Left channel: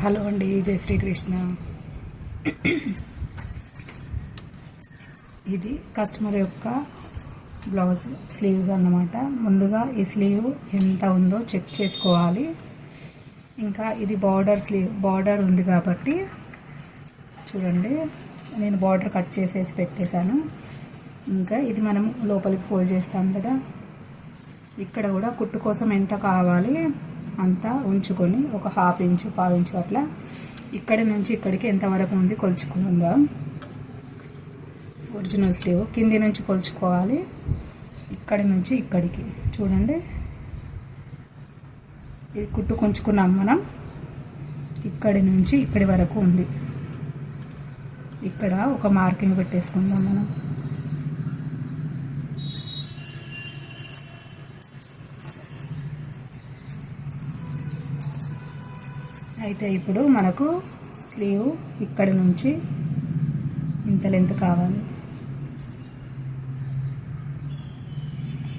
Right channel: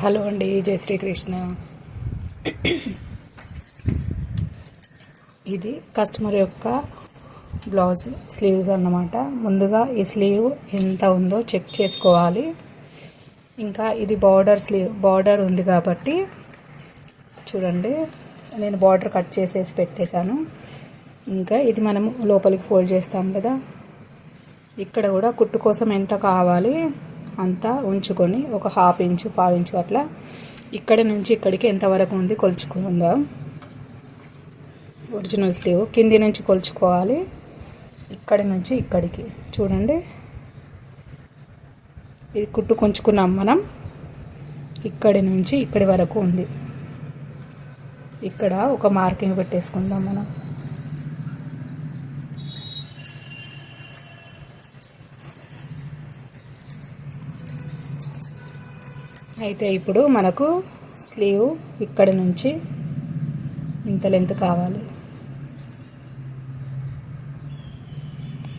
Hello అండి జై శ్రీకృష్ణ. ఇది కస్టమర్ యొక్క బ్లౌజ్ స్లీవ్స్ అన్నమాట. ముందుగా ఈ స్లీవ్ ఎంత ఉందో చెక్ చేసుకోవాలి. ఇంకా ఇది బార్డర్ స్లీవ్ బార్డర్ ఉంది కాబట్టి చూడండి నేను బార్డర్ కట్ చేసేసి పెట్టేశాను. ఇంకా ఇది మనం లోపలికి ఫోల్డ్ చేస్తాం కదా. ఇక్కడ కూడా కుట్టు కోసం ఎంత కావాలి? అంతా ఉంచుకొని ఒక హాఫ్ ఇంచు పావు ఇంచు అట్లా ఇక్కడి నుంచి ఇక్కడికి ఎంతవరకు ఉంది కొలుచుకుందాం. ఒరిజినల్ స్లీవ్ కింది నుంచి కొలుచుకోవాలి. ఇక్కడి నుంచి ఇక్కడికి. చూడండి. ఇది కుట్టు కొంచుకున్నాం మనం. ఇక్కడి నుంచి ఇక్కడి వరకు ఉంది. ఇక్కడ ఒక మార్కింగ్ పెట్టేసుకుందాం మనం. అయితే ఇప్పుడు మనకు స్లీవ్ ఇక్కడ నుంచి ఇంత లెంత్ కావాలి.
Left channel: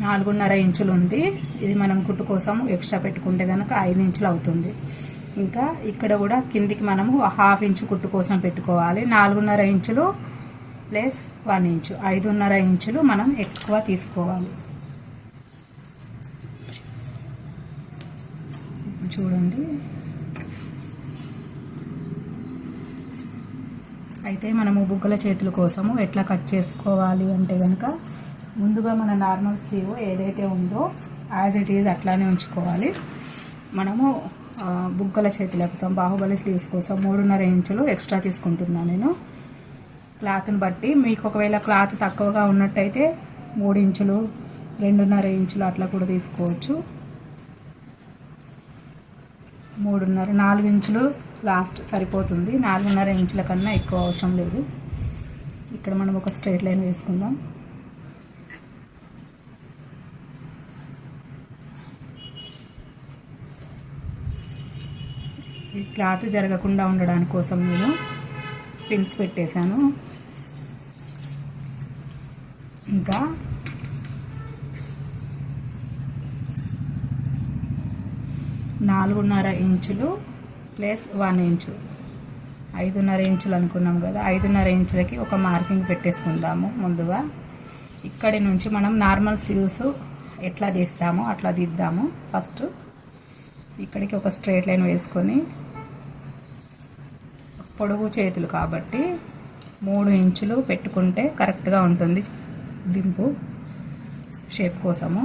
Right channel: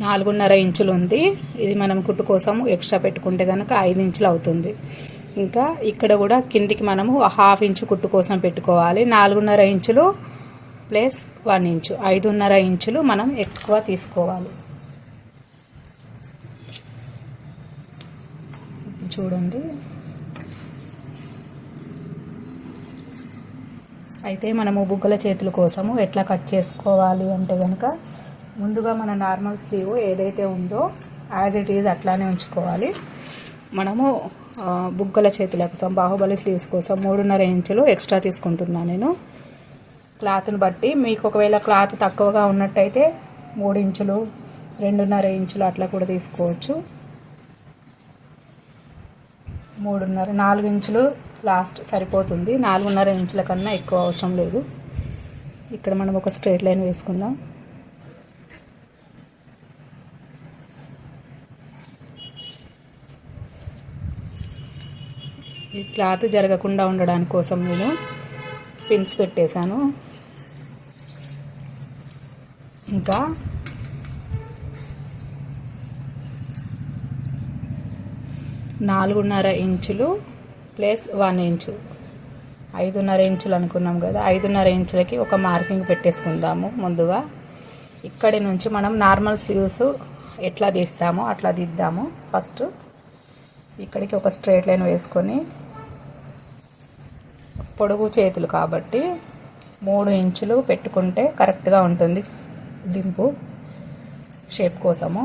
నాలుగున్నర ఇంచులు ఉంది. ఇది మనం కుట్టు కోసం ఎక్స్ట్రా పెట్టుకుంటే కనుక ఐదు ఇంచులు అవుతుంది. ఇంకా ఇక్కడ కూడా కిందికి మనము హాఫ్ ఇంచు కుట్టు కోసం పెట్టుకోవాలి. నాలుగున్నర ఇంచులు ప్లస్ వన్ ఇంచు. ఐదున్నర ఇంచులు మనం ఎక్కువ తీసుకోవాలి. చూడండి. అయితే మనము బుగ్గల చేతుల కోసము ఎట్లా కట్ చేసుకోవాలి అంటే కనుక ముందుగా మన నార్మల్ స్లీవ్ ఏదైతే ఉందో యాజ్ ఇట్ ఈజ్ అట్లానే ఉంచుకోవాలి. మనము బుగ్గల చేతుల కోసం బాహుబలి స్లీవ్స్ కోసం మూడున్నర ఇంచులు ఎక్స్ట్రా తీసుకుంటున్నాను నేను. క్లాత్ని బట్టి మీకు ఒకవేళ క్లాత్ తక్కువగా ఉన్నట్టయితే మూడు ఇంచులు రెండున్నర ఇంచులు అట్లా కూడా తీసుకోవచ్చు. మూడున్నర నాలుగు ఇంచులు లాస్ట్ సరిపోతుంది. నాలుగున్నర ఇంచుల కన్నా ఎక్కువ అవసరం లేదు. ఇక్కడ మనం ఒక స్ట్రేట్ లైన్ వేసుకుందాం. ఈ క్లాత్ జరగకుండా ఉండడానికి కోసం నేను పిన్స్ పెట్టేశాను. ఇంకా నాలుగున్నర ఇంచులు ప్లస్ వన్ ఇంచు. ఐదున్నర ఇంచులు అనుకున్నాం కదా ఐదున్నర ఇంచులకి ఒక మార్కింగ్ పెట్టేసుకుందాము ముందుగా. ఇక్కడి నుంచి మనం నార్మల్ స్లీవ్స్ ఎట్లా తీస్తామో అట్లా దిద్దాము ఫస్ట్. ఇక్కడికి ఒక స్ట్రైట్ లైన్ వేసుకొని పొడుగు చేతులు కాబట్టి మూడు ఇంచులు పెట్టుకుంటే కరెక్ట్గా ఉంటుంది దింపు షేప్ కోసము.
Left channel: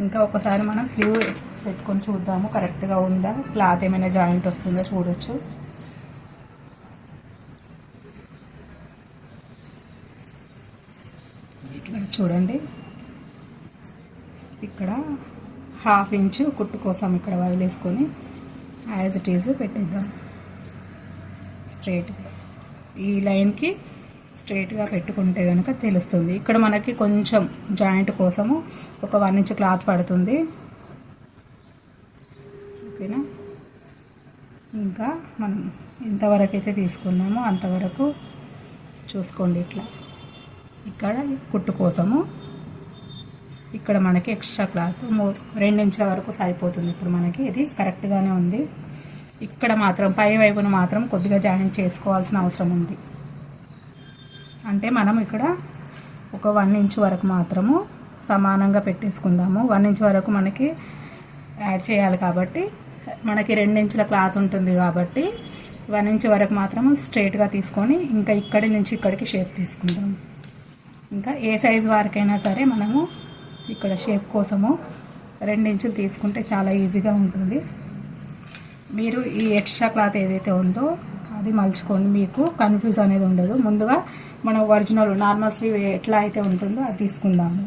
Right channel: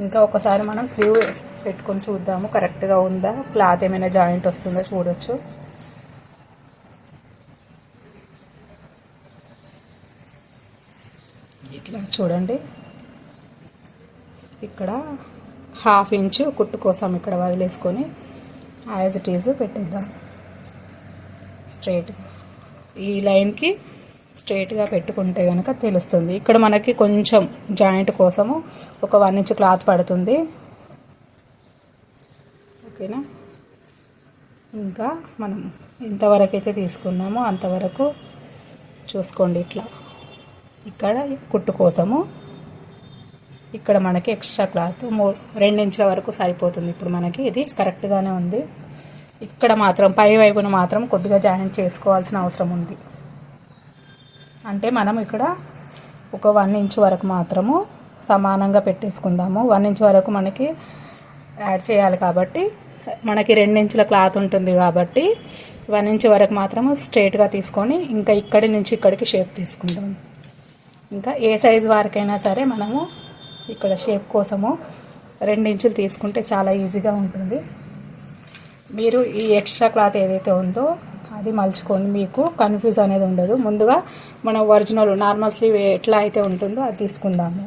ఇంకా ఒకసారి మనం స్లీవ్ పెట్టుకొని చూద్దాము. కరెక్ట్గా ఉందా? క్లాత్ ఏమైనా జాయింట్ వస్తుందో చూడొచ్చు. ఇట్లా చూడండి. ఇక్కడ హాఫ్ ఇంచు కుట్టు కోసం ఇక్కడ వదిలేసుకొని యాజ్ ఇట్ ఈజ్ పెట్టేద్దాం. స్ట్రైట్ ఈ లైన్కి స్ట్రైట్గా పెట్టుకుంటే కనుక తెలుస్తుంది. ఇక్కడ మనకి కొంచెం జాయింట్ కోసము ఒక వన్ ఇంచ్ క్లాత్ పడుతుంది. ఓకేనా? ఇంకా మనం ఎంతవరకు అయితే తీసుకున్నామో అంతవరకు చూసుకోండి ఇట్లా. ఇక్కడ కుట్టు కోసము ఇక్కడ మనకి ఎక్స్ట్రా క్లాత్ మూ రెండించుల వరకు సరిపోతుంది. ఇప్పుడు మనకి ఇది కరెక్ట్గానే ఉంది. ఇక్కడ మాత్రం పై వైపున మాత్రం కొద్దిగా జాయింట్ చేసుకోవాల్సిన అవసరం ఉంది. అంటే మనం ఇక్కడ ఒక వన్ ఇంచ్ వరకు మాత్రము సమానంగా పెట్టేసుకుందాము. వన్ ఇంచ్ వరకు మనకి యాడ్ చేయాలి కాబట్టి మనకి రెండించుల క్లాత్ ఉంటుంది కాబట్టి వన్ ఇంచ్ వరకు మాత్రము స్ట్రేట్గా తీసుకొని ఇంకా ఇక్కడి నుంచి ఇక్కడికి షేప్ తీసుకుంటాం ఇంకా ఏ సైజ్ వారికైనా సరే మనము ఇక్కడ షేప్ కోసము రెండించులు తీసుకుంటే చాలా ఈజీగా ఉంటుంది. మీరు ఈ ఎక్స్ట్రా క్లాత్ ఏదైతే ఉందో అది మలుచుకొని మీకు కన్ఫ్యూజ్ అనేది ఉండదు. ముందుగా మనం ఒరిజినల్ నార్మల్ స్లీవ్ ఎట్లా అయితే ఉంటుందో అది తీసుకుందాము.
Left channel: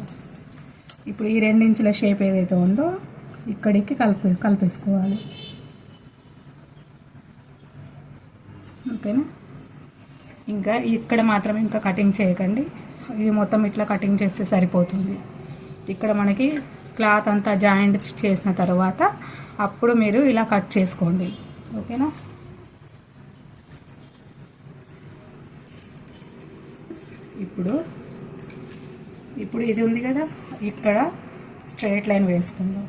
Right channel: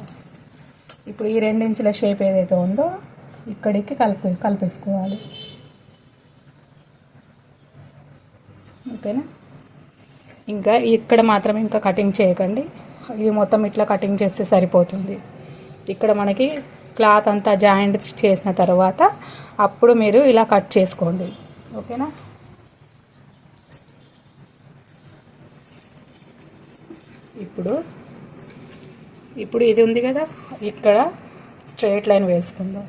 ఇప్పుడు ఈ రెండించుల షేప్ ఏదైతే ఉందో ఇక్కడికి కలిపి కలిపేసుకోవాలి. ఓకేనా? ఇంకా ఇక్కడ మాత్రం ఇంకా కటింగ్ చేయకండి. ఇది మొత్తం ఇట్లా కటింగ్ చేస్తే సరిపోతుంది. ఇక్కడ మనకి క్లాత్ అంతా జాయింట్ చేసిన తర్వాత అప్పుడు మీరు ఇలా కట్ చేసుకోండి. ఓకేనా? ఇప్పుడు ఇప్పుడు ఇది ఉంది కదా? ఇక్కడ స్ట్రైట్ లైన్ వేసుకుందాం.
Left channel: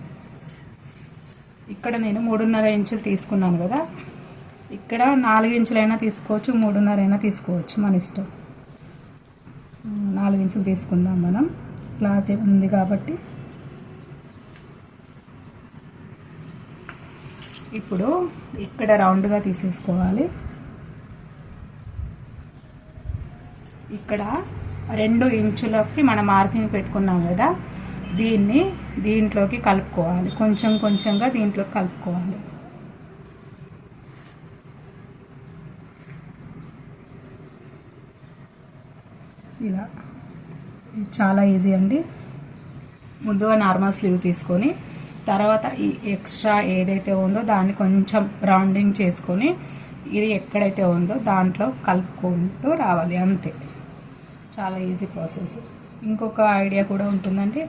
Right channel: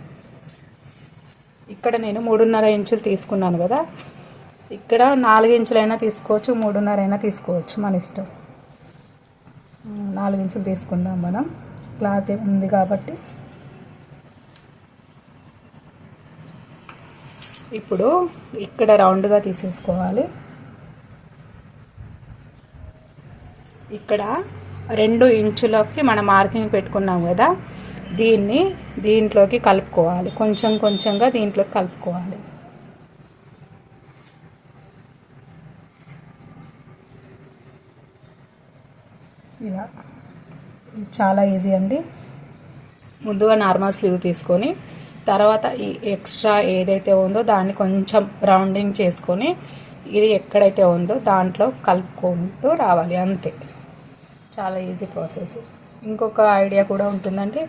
ఇక్కడ నేను మూడున్నర ఇంచులు తీసుకున్నాను కదా. ఇక్కడ నాలుగు ఇంచులైనా తీసుకోవచ్చు మూడున్నర అయినా తీసుకోవచ్చు మన ఇష్టం. నాలుగు ఇంచులు తీసుకుందాం మనం. క్లాత్ ఉంది కాబట్టి. ఇప్పుడు ఇక్కడ రౌండ్గా తీసేసుకోవాలి. ఇక్కడ రెండు ఇంచులకి మనం మార్కింగ్ పెట్టుకున్నాం కదా. దీన్ని దీంట్లోకి కలుపుకోవాలి. కొంచెం కొంచెంగా దీంట్లోకి కలుపుకోవాలి. ఇలా. చాలా ఈజీ అండి. ముందుగా నార్మల్ స్లీవ్ తీసుకొని తర్వాత ఈ ఎక్స్ట్రా ఏదైతే ఉందో దాన్ని కొంచెం రౌండింగ్ చేసుకొని ఇది ఎక్కడైతే ఉందో దాంట్లో కలుపుకుంటూ రావాలి. అంతే. చాలా ఈజీ ప్రాసెస్. ఇంకొక ఐడియా కూడా ఉంటుందంటే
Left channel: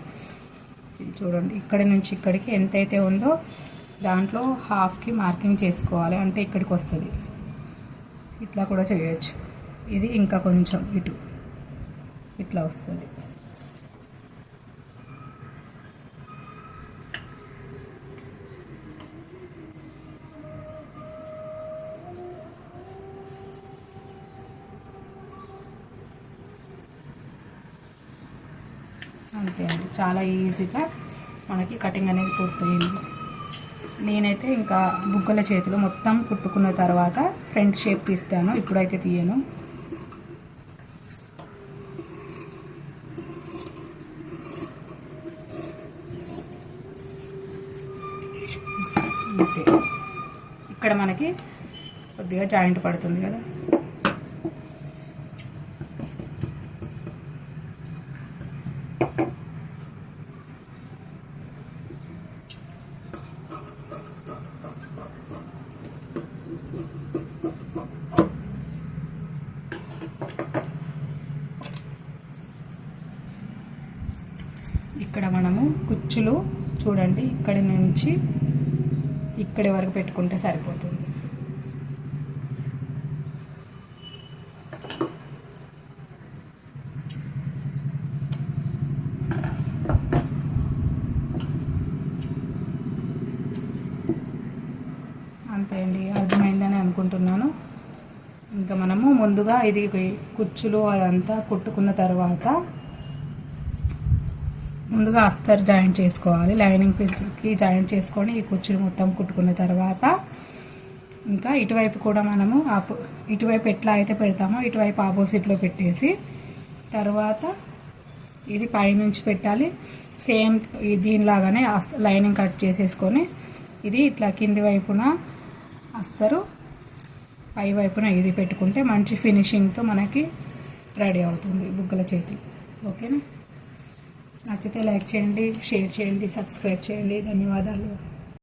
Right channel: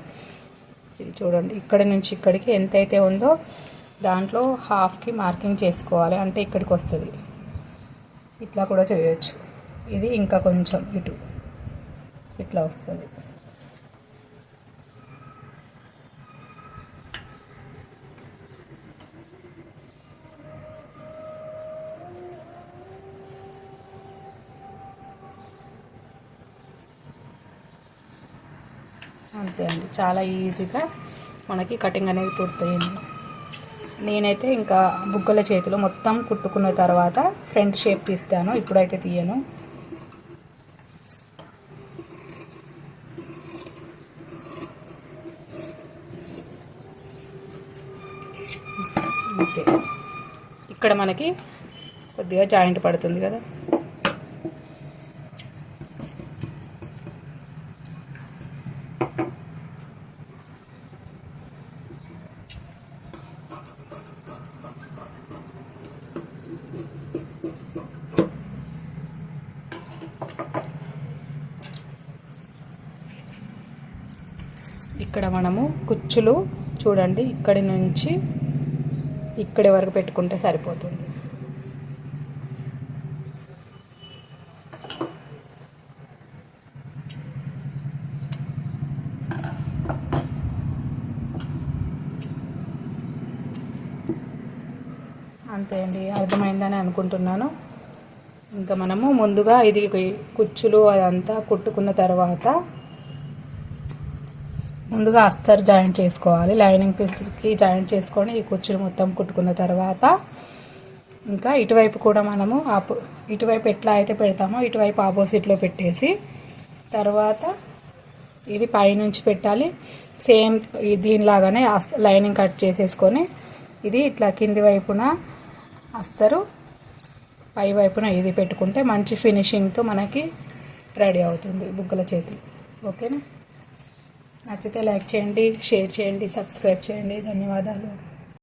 ఇది చూడండి ఇక్కడి నుంచి ఇక్కడికి ఎంతైతే ఉందో దాంట్లో హాఫ్కి మార్కింగ్ చేసుకోవాలి. అంటే ఇక్కడికి వస్తుంది. ఇట్లా కూడా చేయొచ్చు. ఇది ఇంకా కొంచెం ఇటు ఇట్లా వస్తుంది. అంతే అండి. చాలా ఈజీగా మనకి కటింగ్ అనేది పూర్తయింది. నేనైతే ఇంకా బుగ్గల చేతిలో మొత్తం కుట్టుకున్న తర్వాత ఫ్రంట్ షేప్ తీస్తాను. ఇప్పుడైతే తీయను. అంతే. ఇక్కడ మనకి కొద్దిగా జాయింట్ పడుతుంది కదా. ఇక్కడ మనము కుచ్చులు చూడండి. ఇక్కడి నుంచి ఇక్కడి వరకు పెట్టుకుంటే సరిపోతుంది. అంతే అర్థమైందని అనుకుంటున్నాను. ఇంకా మనము ముందుగా ఇది కుచ్చులు అదంతా కుట్టుకున్న తర్వాత ముందుగా అస్తర్ జాయింట్ చేసుకోవాలి. లైనింగ్ పీస్కి జాయింట్ చేసుకొని ఈ కుచ్చులు మొత్తం కుట్టుకున్న తర్వాత ఇంకా ఇటువైపు కూడా మనము ఆపో ఇటువైపు ఎట్లా అయితే పెడతామో ఇటువైపు ఆపోజిట్లో పెట్టేసి తర్వాత ఇది పైనుంచి పెట్టాలి. సేమ్ దీనిలాగానే లైనింగ్ కట్ చేసేసుకొని ఇది ఇట్లా కింది వైపున అస్తరు. పై వైపున ఇది పెట్టుకుంటే మంచి ఫినిషింగ్తో మనకి రెడీ అవుతుంది బుగ్గల చేతి ఓకేనా? నచ్చితే లైక్ చేయండి షేర్ చేయండి సబ్స్క్రైబ్ చేయండి. ధన్యవాదాలు.